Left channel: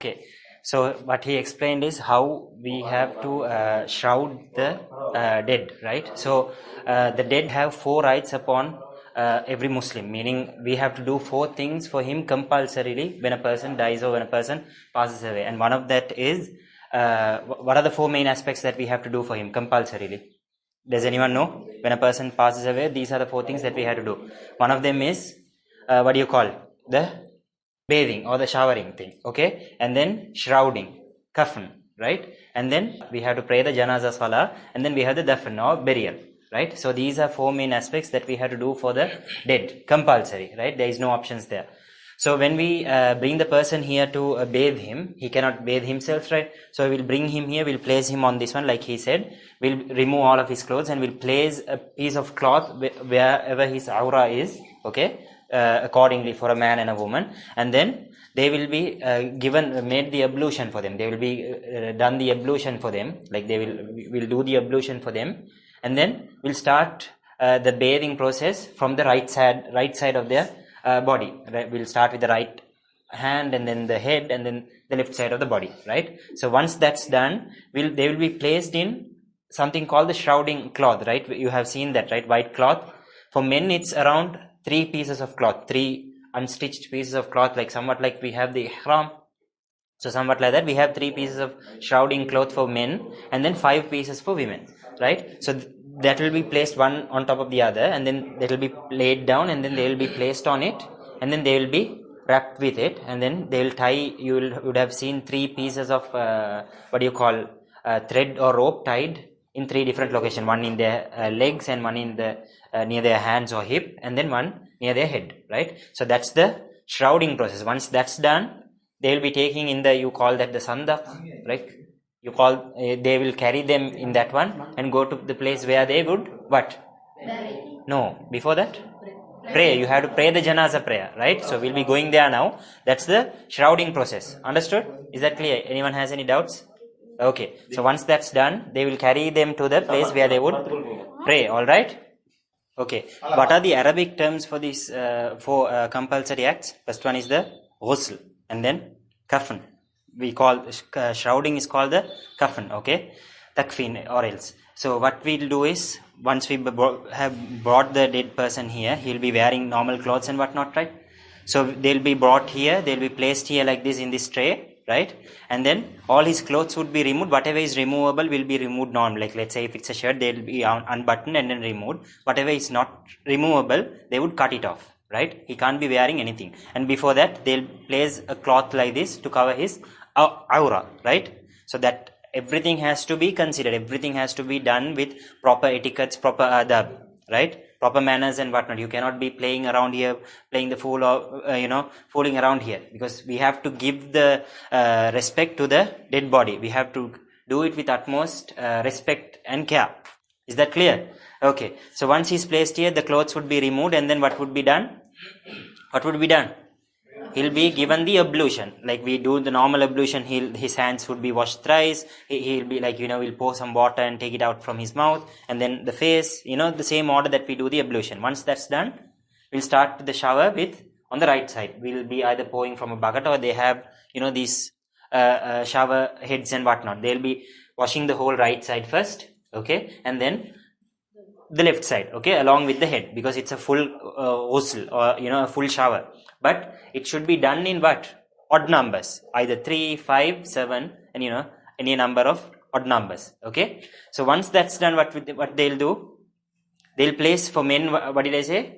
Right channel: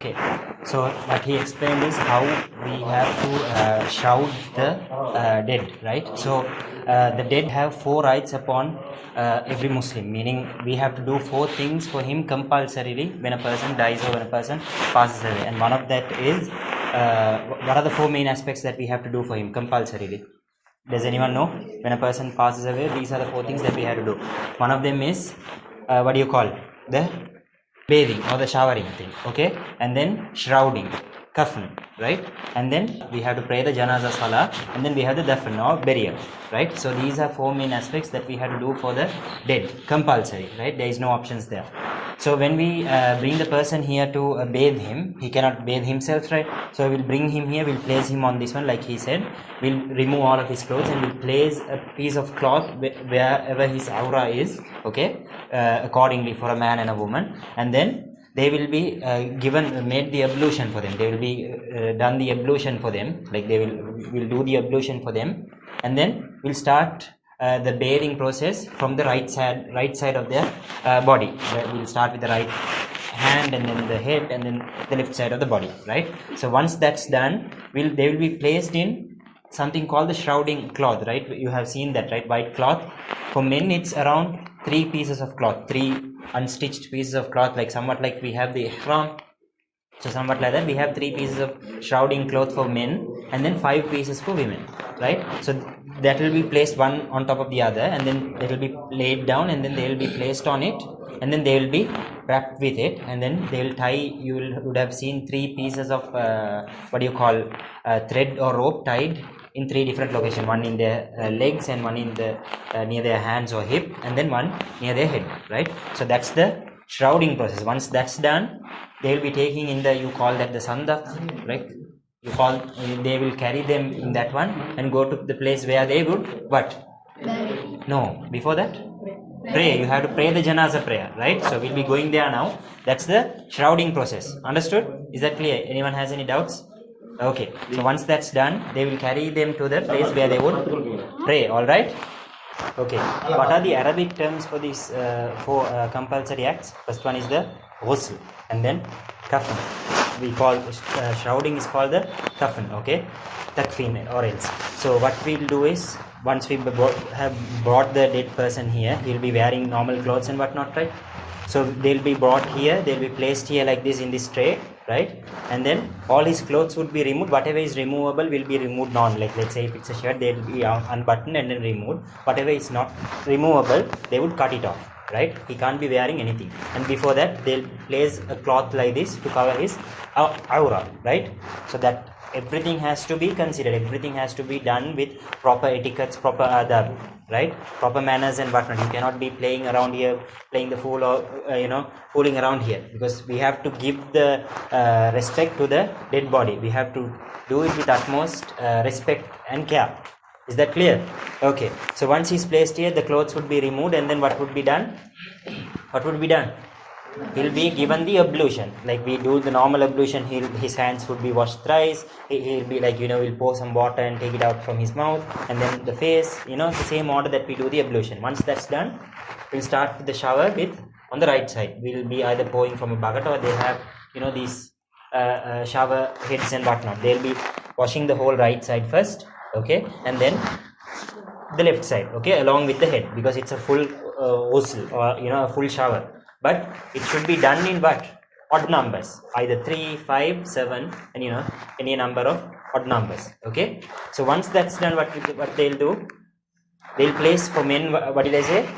Okay, so what he explained is how we have to shroud the dead, right? So the dead have 4 rights upon every Muslim, meaning we have to do 4 things for him compulsorily when a person dies or when a person passes away. And one of that is, what are the 4 main aspects that we have to do for him compulsorily? Does anyone know? When a person passes away, these are the 4 things that we have to do. One of them is, what do you call? The bathing or the showering thing, okay? And then shrouding, kafn, right? And then we have to pray the janaza salah, and then we have the dafn or burial, right? So these are 4 main aspects that we have to do for the dead, compulsory, right? There is no options there. So when we bring the person here to bathe him, he cannot bathe himself, right? So we'll bring him here, we'll place him on this one, like he said. We'll remove all of his clothes and we'll place a piece of cloth wherever his aura is, okay? Accordingly for a man and a woman, and then they will be made the ablution for them. They will be done the ablution for them, like will do the ablution for them, and then we'll start the bathing process from the right side of their body. We'll start with the right hand, and then the head, and then the left side of the body, right? So once that's done, they will be placed in something called the shrouding cloth, right? You have seen that, right? White cloth. For men, it's around 3 pieces of cloth, 3 unstitched pieces of cloth, like somewhat like we have the ihram. So somewhat like that, we have 3 pieces of shrouding cloth for men, and then 5 pieces for women, right? So that will be placed one on top of the other, and then it will be laid down, and then they will be placed on it, and then they will be wrapped with it, and then they will tie. Would have seen 3 pieces of what do you call thread or rope tied in 3 different locations, one in their legs, and one in the near their hands or hip, and then one near their head, right? So that's the shrouding process. Once that's done, they will be taking in the, you call that the sandaf, like you call, they will carry them in that one and go to the place where they would what? No, before that, pray. You have to pray the janaza prayer, right? So we'll be going there now. That's the shrouding process. Understood? Is that clear? Anyone has any doubts? Okay, so once that's done, they will carry them to the place where they would pray. All right? Okay, what are the Arabic terms for these 4 compulsory acts? First one is the ghusl, and then kafn. We call shrouding is called the kafn, okay? Takfin or else. So what we'll do is, once we have brought the dead person here, he'll be wearing normal clothes and whatnot, right? So they'll be brought here, they'll be placed here like this in this tray, right? And then all his clothes would be removed. Whatever is removable will be removed normally. Like let's say if it's a shirt, they'll be unbuttoned and then removed. Whatever is not removable, they would cut it off, right? He can't be wearing anything. And before that, they'll place a cloth like this to cover his aura, right? So that everything has to be considered, everything has to be done with proper etiquettes, proper adab, right? Proper manners and whatnot. You cannot be playing around here, playing the fool, or fooling around here, because we have to give the respect to the dead body. We have to do it with utmost respect and care. Is that clear? Okay, so once he's placed here, the clothes would be removed, and then what would be done? What would be done? He'll be given the ablution, like we do the normal ablution. His hands would be washed thrice. He'll be like, we'll pour some water and take it out from his mouth, and then the face, the same order that we do the ablution. Once that's done, we'll start the shower with, on the right side, we'll be either pouring from a bucket, or they have these shower heads and whatnot. They'll be washing the whole right side first, okay, and then the left side, okay, along with the head, because it's a full ghusl, or a full shower. But it should be done in what? Odd numbers, either 3, 5, 7, and any number of odd numbers, okay? So once that's done, what they'll do, they'll place for men, what did I say?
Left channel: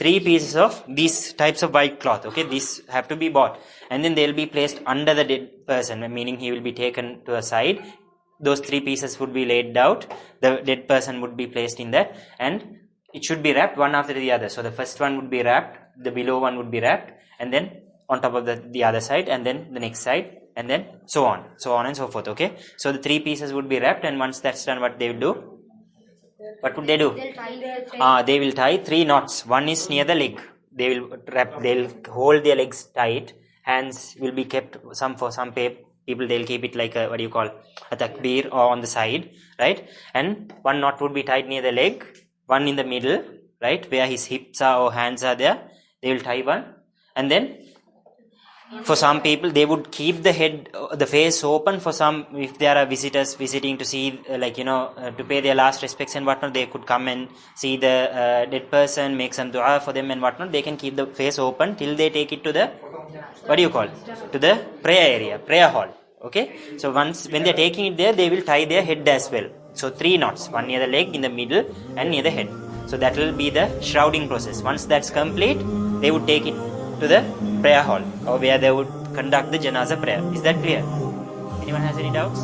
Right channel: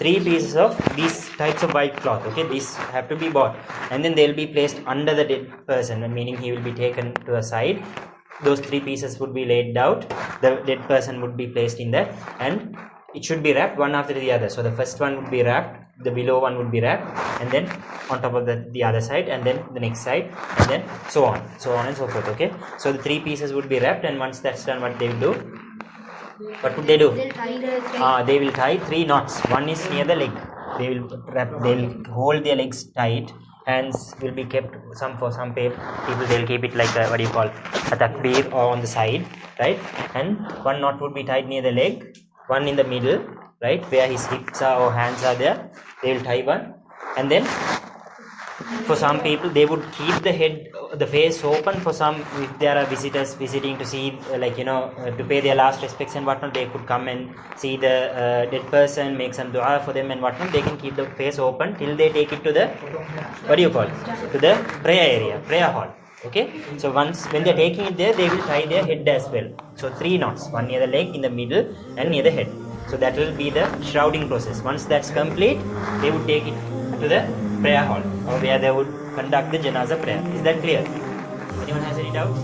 3 pieces of these types of white cloth, okay? These have to be bought, and then they'll be placed under the dead person, meaning he will be taken to a side. Those 3 pieces would be laid out, the dead person would be placed in that, and it should be wrapped one after the other. So the first one would be wrapped, the below one would be wrapped, and then on top of the other side, and then the next side, and then so on and so forth, okay? So the 3 pieces would be wrapped, and once that's done, what they will do? What would they do? They will tie 3 knots. One is near the leg. They'll hold their legs tight. Hands will be kept, for some people they'll keep it like a, what do you call, a takbir, or on the side, right? And one knot would be tied near the leg, one in the middle, right, where his hips are or hands are there. They will tie one, and then For some people, they would keep the head, the face open. For some, if there are visitors visiting to see, to pay their last respects and whatnot, they could come and see the dead person, make some dua for them and whatnot. They can keep the face open till they take it to the, what do you call it, to the prayer area, prayer hall. Okay, so once when they're taking it there, they will tie their head as well. So 3 knots, one near the leg, in the middle, and near the head. So that will be the shrouding process. Once that's complete, they would take it to the prayer hall, or where they would conduct the Janaza prayer. Is that clear? Anyone has any doubts?